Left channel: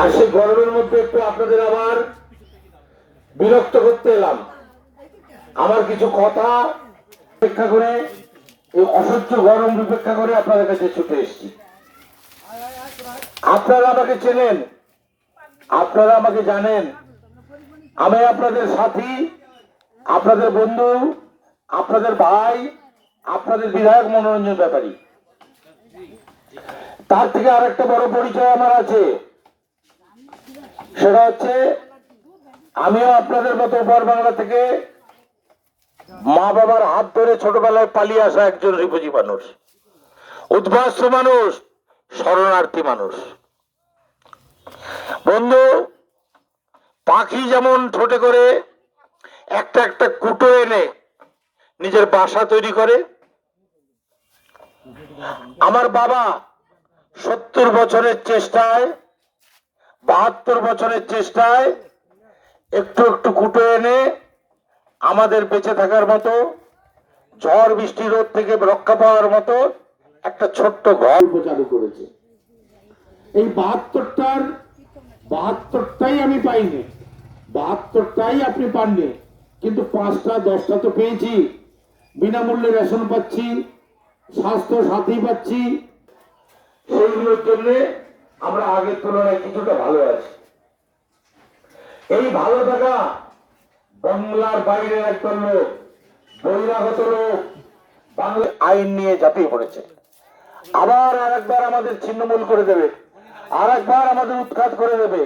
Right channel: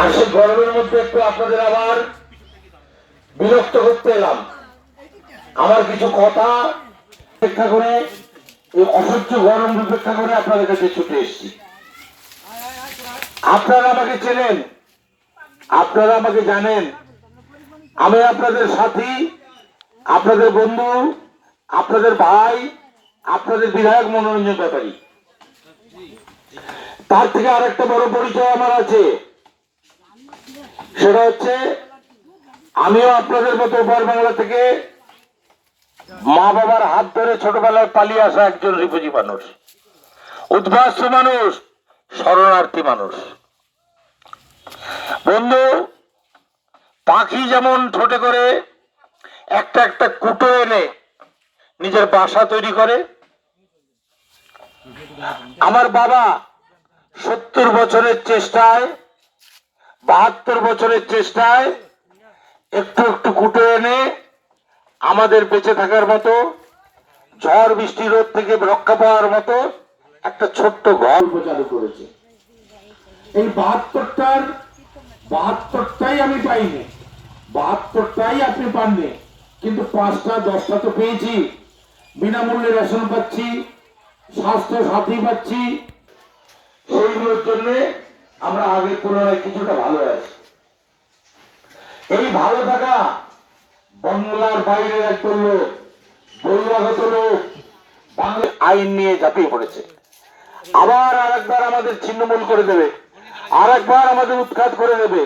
আর সেই গরমের মধ্যে একটু আপনাদের আবার বিরক্ত করতে এলাম। আমার কিছু কথা উপেক্ষা করে, এই অসহ্য গরম উপেক্ষা করে আপনাদের কাছে ছুটে এসেছি। আপনারা আমাকে চেনেন, আপনারা আমাকে জানেন, আমি আপনাদের সাথী, আপনাদের বন্ধু, আপনাদের ভাই, আপনাদের বিধায়ক মনোরঞ্জন ব্যাপারী। তার থেকে আরেকটা বড় পরিচয় আমার আছে, সেটা হচ্ছে আমিও আপনাদের মতো উপর বাংলা থেকে মা বাবার হাত ধরে ছোটবেলায় পালিয়ে আসা একজন রিফিউজি মানুষ, উদ্বাস্তু মানুষ, শরণার্থী মানুষ। বন্ধু, পাখি যেমন ঠোঁটে করে একটা একটা কুটো এনে নিজের বাসা তৈরি করে, আমার বাবা 70 বছরের চেষ্টায়, 72 বছরের চেষ্টায় একটু একটু কুটো এনে আমাদের বেঁচে থাকার মতো, ঝড় বৃষ্টি রোদ থেকে রক্ষা পাওয়ার মতো একটা ছোট্ট ঘর চালু করেছে। এই 72টাই আমি পাইনি, 72টাই আপনি পাননি, কিন্তু 5টা 10টা তো পেয়েছি। বিনামূল্যে রেশন পাচ্ছি, স্বাস্থ্য সাথী পাচ্ছি। সেইগুলোর জন্য আমরা আগের তুলনায় কিছুটা ভালো আছি। এই ভালো থাকা বাংলার বাইরের একজন লোক, বহিরাগত লোক বাংলা আইন নিয়ে ঝাঁপিয়ে পড়েছে। আবার আরেকবার আমাদের ছিন্নমূল করে দেবে, আর একবার আমাদের উৎখাত করে দেবে।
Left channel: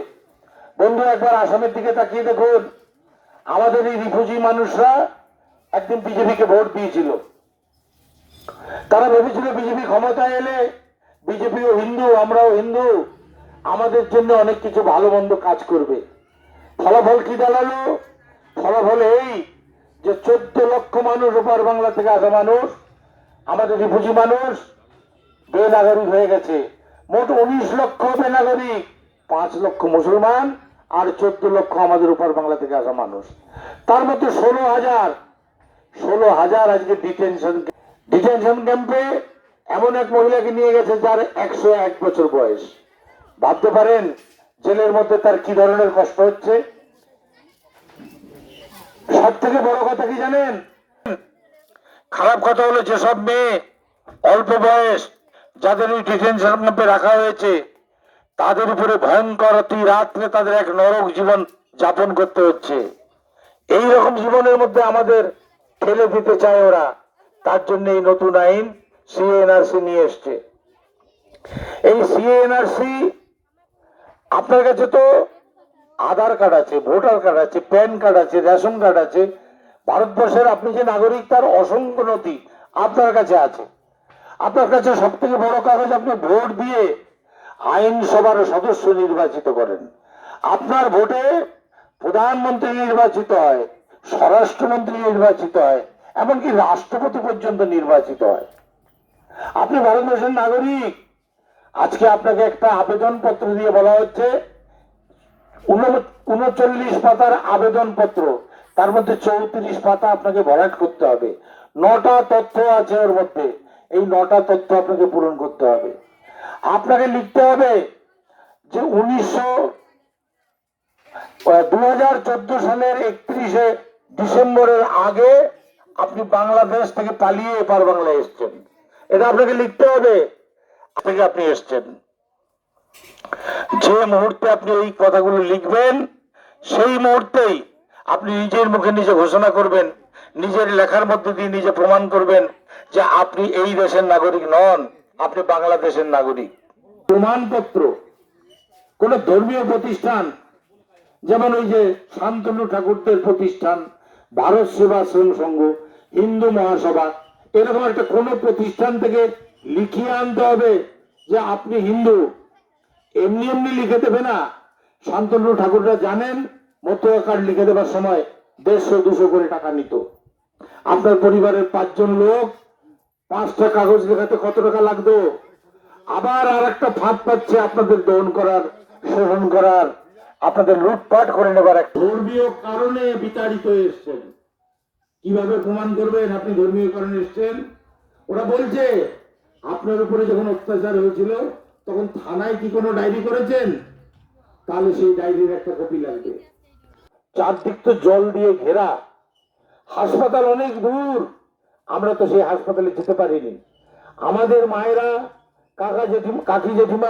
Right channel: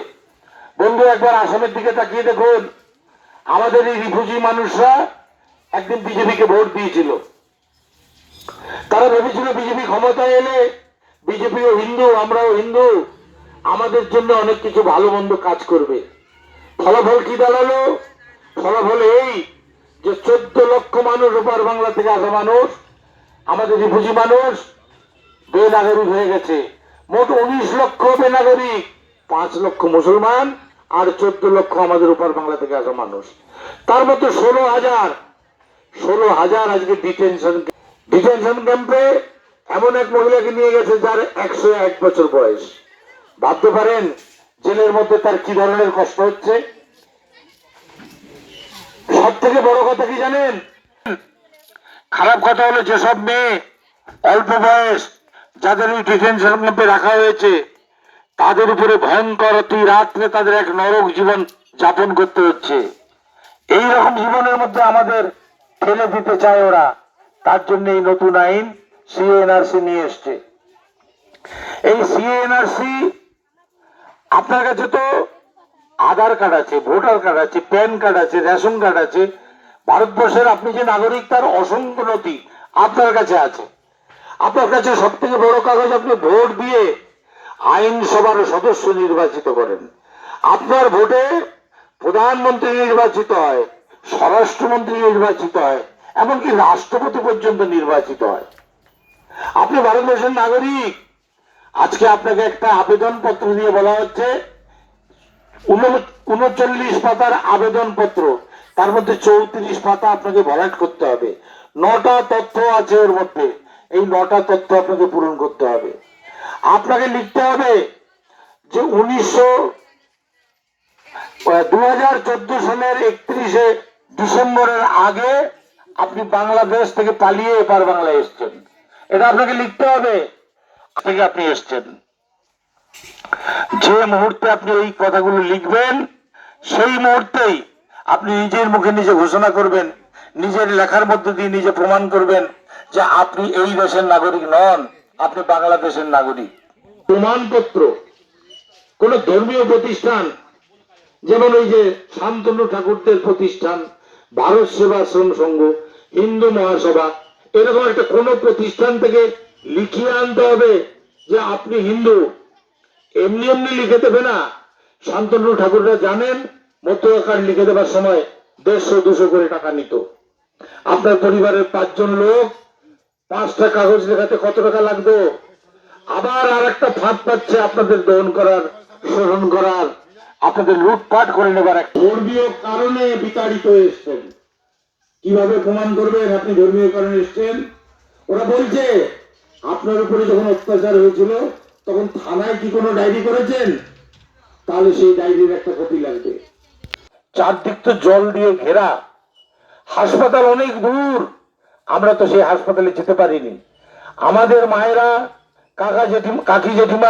বন্ধু, একবার আসামের দিকে তাকিয়ে দেখুন, আমাদের এই রিফিউজি মানুষরা একদিন বিজেপিকে ভোট দিয়েছিল। তারা ভেবেছিল বিজেপি ক্ষমতায় এলে, বিজেপিও হিন্দু, আমরাও হিন্দু, আমাদের জন্য অনেক কিছু ভালো মন্দ কাজ করবে। ফলাফল কি দাঁড়ালো? ফলাফল এই যে 14 লক্ষ মানুষ, ওপার বাংলা থেকে আসা মানুষ, আমাদের রিফিউজি মানুষ বেনাগরিক হয়ে গেছে। মোট 19 লক্ষ বেনাগরিক, 5 লক্ষ মুসলমান আর 14 লক্ষ আমাদের ওপার বাংলা থেকে আসা মানুষ। তার মধ্যে 16,000 আজকে ডিটেনশন ক্যাম্পে এমন এক মহিলাকে নিয়ে গেছে যার 101 বছর বয়স। ভাবতে পারেন জেলের মধ্যে তার কি ধরনের কষ্ট হচ্ছে। সব থেকে বড় কথা কি জানেন? খারাপ কথা হলো যেসব মেয়ে অল্প বয়স যাদের ওই ডিটেনশন ক্যাম্পে রাখা হয়েছে, তাদের উপরে ভয়ঙ্কর অতি রাত্রে তাদের এক নরক জীবন যাপন করতে হচ্ছে। এই রকম জীবনের মধ্যে আমাদের ঠেলে দিতে চায় ওরা। তার জন্য এই নতুন আইন সিএনআরসি নিয়ে এসছে। এই সিএনআরসি, আপনার কাছে তো আধার কার্ড আছে, ভোটার কার্ড আছে, প্যান কার্ড আছে, রেশন কার্ড আছে, ভারতবর্ষের আপনি যে নাগরিক তার অসংখ্য নথি আপনার কাছে আছে। আপনার কাছে সব থেকে বড় কাগজ, আপনি ভোট দিয়ে আইনসভার সদস্য নির্বাচিত করেন। আপনার ভোটে প্রধানমন্ত্রী নির্বাচিত হয়, স্বরাষ্ট্রমন্ত্রী নির্বাচিত হয়, এমনকি রাষ্ট্রপতি পর্যন্ত নির্বাচিত হয়। আপনি ভারতবর্ষের নাগরিক। আজকে আপনাকে একটা আবেদন পত্র দিয়ে বলা হচ্ছে 39 পাতার আবেদন পত্র, তার মধ্যে 34 পাতা আপনাকে ভরাট করতে হবে। 9টা তথ্য আছে ওর মধ্যে, এই 9টা তথ্য আপনাকে পূরণ করতে হবে। আপনাকে লিখতে হবে যে 2014 সালের 31শে ডিসেম্বরের আগে আপনি বাংলাদেশ থেকে পালিয়ে এপার বাংলায় এসছেন। এটা আপনাকে লিখতে হবে থেকে আপনি এসছেন। যে মুহূর্তে আপনি এই কথাগুলো লিখবেন, সেই মুহূর্তেই আপনি নিজের মুখে নিজে ঘোষণা করবেন, নিজের লেখার মধ্য দিয়ে নিজে প্রমাণ করবেন যে আপনি এই দেশের নাগরিক নন, আপনি বাংলাদেশের নাগরিক। প্রমাণপত্র কোন ধর্মীয় প্রতিষ্ঠান, যেমন ওই যে শান্তনু ঠাকুরদের প্রতিষ্ঠান, ভারত সেবাশ্রম সংঘ, হিন্দু মহাসভা, এরকম একটা কোন প্রতিষ্ঠান থেকে লিখিয়ে আনতে হবে যে আপনি হিন্দু। এমনি এমনি লিখে দেবে না। শান্তনু ঠাকুররা জানেন, মতুয়া কার্ড লিখে দেবার সময় 150-200 করে টাকা নিত। আপনার পরিবারের 5 জন লোক 5টা কাগজ লেখাতে কত টাকা লাগতো? আবার আর একটা ফাঁদ পাচ্ছে আপনাদের দমন করার, শোষণ করার, আপনাদের লুটপাট করে নেবার এক ধর্মীয় কারণে বিতাড়িত এসছেন। কিভাবে প্রমাণ করবেন আপনি ধর্মীয় কারণে এসছেন? ওরা বলছে আপনার উপরে যখন অত্যাচার হয়েছিল তখন থানায় কি কোনো ডায়েরি করেছেন? তাহলে সেই ডায়েরির একটা কপি লাগবে। চারদিক তো জল দিয়ে ঘেরা, হাসপাতাল অনেক দূর, আমরা তো সেই হাসপাতালে যেতে পারিনি। আমাদের মায়েরা, কাকি জেঠিমা